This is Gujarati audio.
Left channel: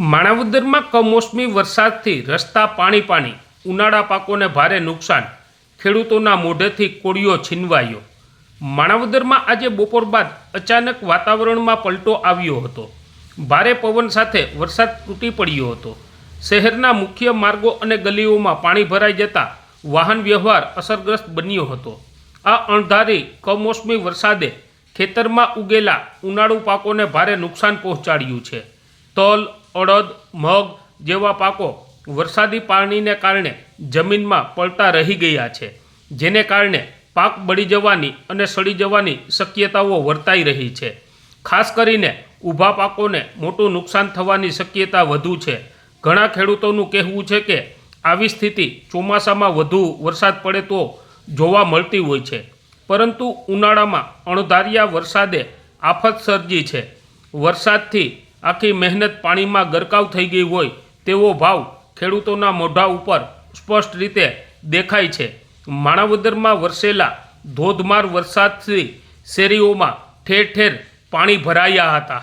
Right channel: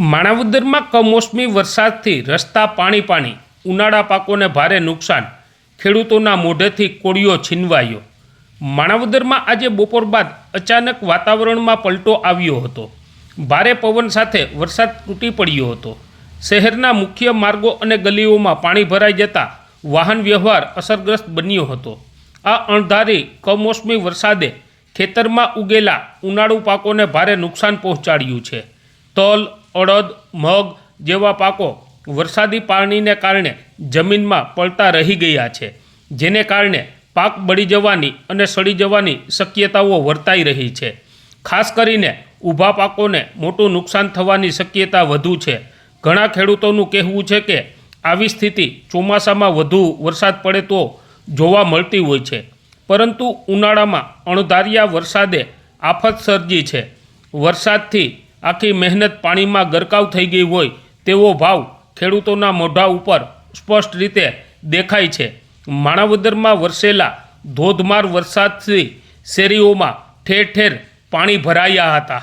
માણાવદરમાં કમોસમી વરસાદથી રસ્તા પાણી ઉનાળા પાકોને ભારે નુકસાન, ખેડૂતોના મોઢેથી કોળિયો છીનવાયો। માણાવદરમાં આજે બપોર બાદ અચાનક વાતાવરણમાં પલટો આવ્યો હતો। ભારે પવન સાથે વરસાદ તૂટી પડ્યો હતો। શહેરના મુખ્ય માર્ગો અને ગલીઓમાં પાણી ભરાઈ જતા વાહન વ્યવહાર અસરગ્રસ્ત બન્યો હતો। આ અણધારી કમોસમી વરસાદે ખેતરમાં ઉગેલા ઉનાળુ પાકોને ભારે નુકસાન પહોંચાડ્યું છે। તલ, અડદ, મગ જેવા પાકો વરસાદી પાણીને કારણે જમીનમાં પડતા રહી ગયા છે, જેને કારણે પાક બળી જવાની અને સડી જવાની શક્યતાઓ વર્તાઈ રહી છે। ખાસ કરીને ઊભા પાકોને મોટું નુકસાન થવાની શક્યતા વધુ છે। ઘણા ખેડૂતોનું કહેવું છે કે આવી સ્થિતિ ચોમાસામાં વધુ વરસાદ પડે તો જોવા મળતી હોય છે, પરંતુ ઉનાળામાં અણધાર્યા વરસાદે આફત સર્જી છે। વરસાદથી આખી મહેનત પાણીમાં ગરકાવ થઈ ગઈ હોય તેવો ભાવ ખેડૂતોના મોઢા ઉપર સ્પષ્ટ રીતે દેખાય છે। માણાવદરમાં વરસેલા ધોધમાર વરસાદથી શેરીઓમાં ઠેર ઠેર પાણી ભરાયા હતા।